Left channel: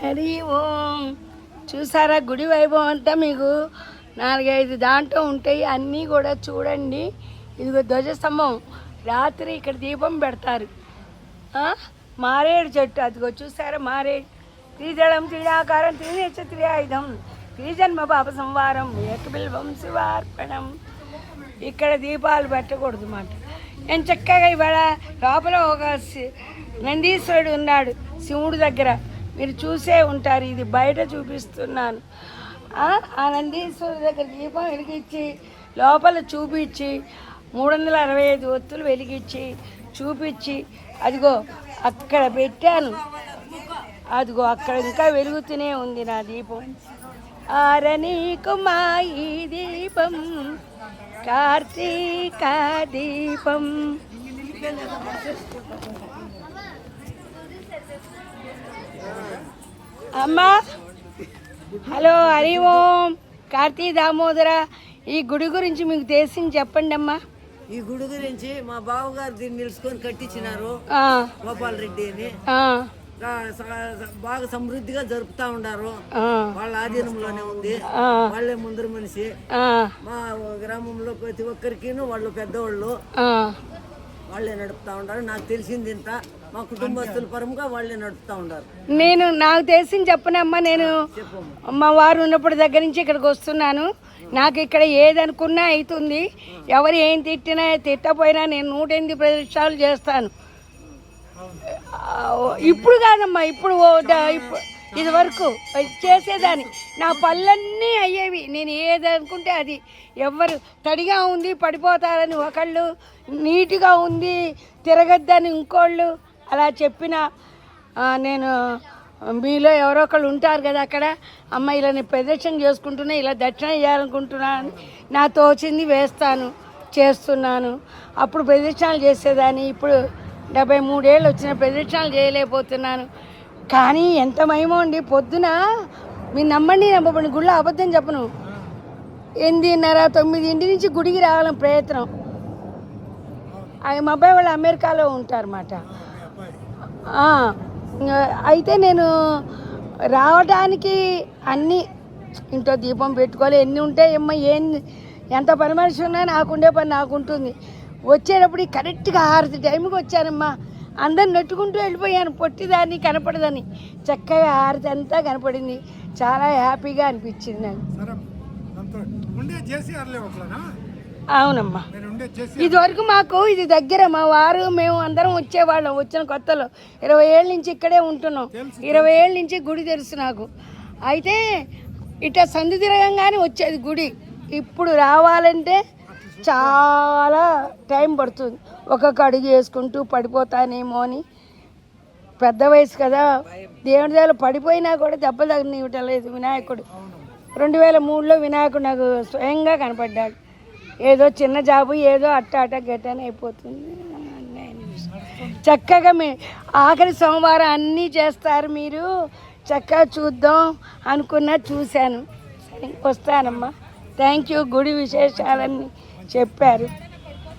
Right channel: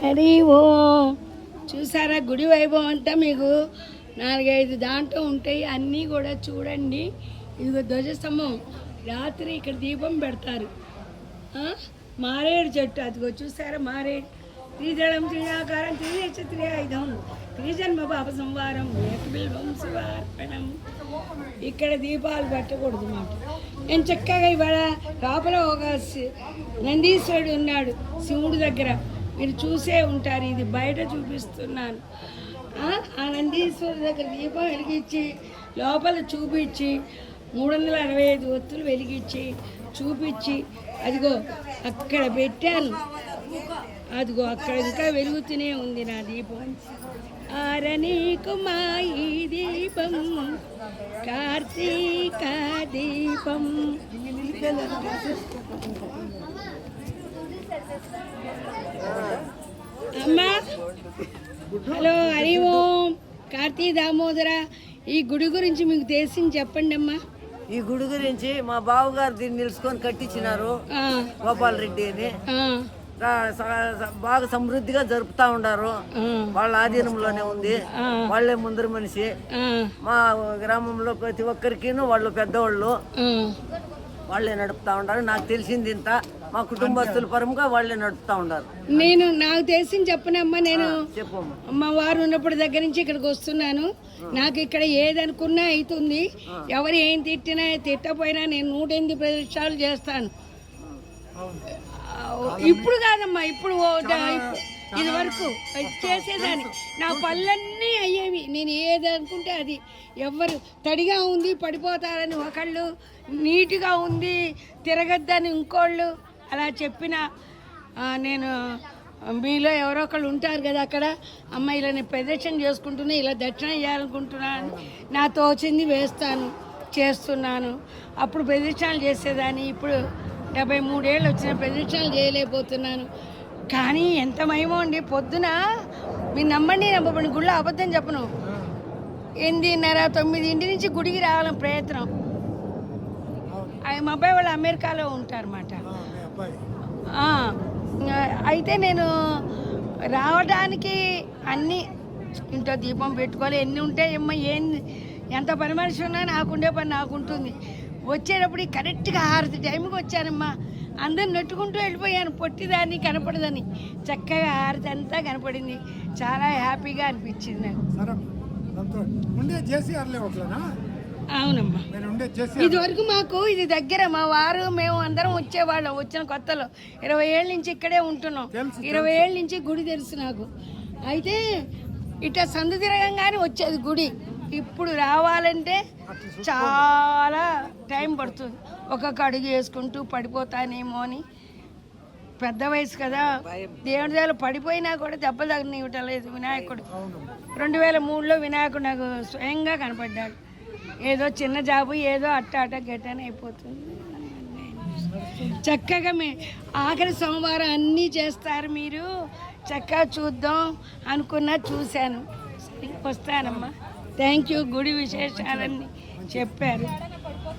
హరి ఓం. చూసారా గుడి వైభవం అంతా మీకు 4-5 దాంట్లో ఉంటాయి, అన్నీ కూడా చూడండి. ఇదిగో ధ్వజస్తంభం, రాత్రి ఇక్కడ దీపం పెడతారు. మారేడు చెట్టు అదిగో చూసారా, మారేడు. త్రిదళం త్రిడాకారం త్రినేచ త్రిఆయుధం త్రిజన్మ పాప సంవారం ఏకబిల్వం శివార్పణం. ఇక్కడ దీపాలు పెట్టకూడదు మాట. నేను చక్కగా ఇవాళ లోపల ఒక నందీశ్వరుడు ఉన్నాడు శివుడు దగ్గర, మీరు చూసే ఉంటారు. ఇది బయట చూపిస్తున్నాను. ఆ నందీశ్వరుడు దగ్గర దీపం వెలిగించి లోపల చూపించి 365 ఒత్తులు వెలిగించి చూపించి అదిగో అక్కడ పెట్టాను. అదిగో అక్కడ ఇంకా వెలుగుతూనే ఉంది నా దీపం. ఆరనీకు మా ఈ దీపం కార్తీక దీపం. అమ్మా హలో, హరి ఓం. కార్తీ దామోదర, ఈ గుడి గురించి మీకు తెలిసింది చెప్పండి అమ్మా. ఈ గుడి గురించి మా బావగారు దీన్ని నిలుచుకొని కట్టించినారు, గోపాల్ రెడ్డి అని. బాగా సమృద్ధిగా జరుపుతా ఉండారు. వాళ్ళ ఆధీనంలోనే ఉంది, వాళ్ళే ముందర మనిషి. మా గ్రామంలో ప్రతి ఒక్కరికి వాళ్ళు పెద్దవాళ్ళు, వాళ్ళే నడుపుతా ఉండారు. నాకు తెలిసింది ఇంత, మా కుటుంబస్తుల పరంగా వాళ్ళే నడుపుతా ఉండారు. నాకు తెలిసింది చెప్పనమ్మా. నేను మా వారు ఉన్నప్పుడు దగ్గర నుంచి ఇక్కడికి వస్తున్నాను. నాకు ఇక్కడ ఏదనుకున్నా అవుతుంది. ఎవరు ఏం తిట్టినా తిట్టపోయినా నేను 108 ప్రదక్షిణాలు చేస్తాను. ఇప్పుడు కాదమ్మా, ఇప్పుడు ఇది వరకు చేసేదాన్ని. నా పళ్ళన్నీ అయ్యేవి. నేను ఏది అనుకుంటే అది. ఎవరు తడిగా ఉంది పడిపోతారని ఒకళ్ళు, నీట్గా ఉంది తిరగద్దని ఇంకోళ్ళు అలా చెప్పిన, నేను మీలో ఎవరో ఒకళ్ళు ఉంటారు కదా అక్కడ, అమ్మ ఇలా నేను ప్రదక్షిణ చేసుకుంటున్నా, ఇలా దక్షిణ చేయాలనుకుంటున్నాను, నా తోచింది వేస్తాను, చేస్తున్నాను. అప్పుడు ప్రదక్షిణాలు చేసేదాన్ని. ఇప్పుడు 73 ఏళ్ళు వచ్చిన ప్రదక్షిణాలు చేయలేకపోతున్నాను. కానీ ఎంత మహిమ అండి. పొద్దున మీరు నమ్మండి నమ్మకండి, గుళ్ళో అబద్ధం చెప్పను, 8:30-9 నుంచి గుడికి రావాలని ప్రయత్నం. మా అబ్బాయి వాళ్ళు అమెరికాలో ఉంటారన్నమాట. అయితే నేను రావడానికి అన్నీ ఇంట్లో దీపం పెట్టుకోవాలి, ఎన్ని ఉంటాయి అమ్మ, ఎంత పని మనిషి ఉన్నా నాకుండే పని నాకుంటుంది. వచ్చేటప్పుడు కరెక్ట్గా 6 టైంకి వచ్చానమ్మా. అందరు నెట్టుకుంటూ వెళ్ళిపోయాను, పొట్టిదాన్ని కనపడదని. చక్కగా 6 అంతా కనపడింది. చాలా హ్యాపీగా అనిపించింది నాకు. అవునమ్మా, ఇదివరకు మాకు ఇది దగ్గర. మా వారు మేము అందరం వచ్చేవాళ్ళం. వచ్చిన కొత్తలో 20 ఏళ్ళ నుంచి ఇక్కడే ఉంటున్నాం. 20 ఏళ్ళ నుంచి గుడి తెలుసు నాకు. అయితే ఇట్లా సందు తిరగంగానే వచ్చేది గుడి. ఇప్పుడు రావాలంటే చాలా టైం పడుతుంది. ఒక్కొక్క అడుగు వేసుకుంటూ పడిపోతానేమో అని. పెద్ద వయసు కదా, దేవుడి దగ్గర పడిపోయినా కూడా దెబ్బలు తగ్గనివ్వటలేదు వినాయకుడు. 2003లో వినాయకుడు నాకు స్వయంగా కనపడ్డాడు. ఏదో చిన్న జాబు, ఏదో అట్ట గట్టని అయిపోతుంది. చక్కగా ఆఖరి సోమవారం అన్నీ చేస్తారు మీరు. చక్కగా చూద్దాం అనుకున్నా, చూశాను. సరే వస్తానమ్మా. Thank you. గుడి విశేషాలన్నీ చెప్పారు.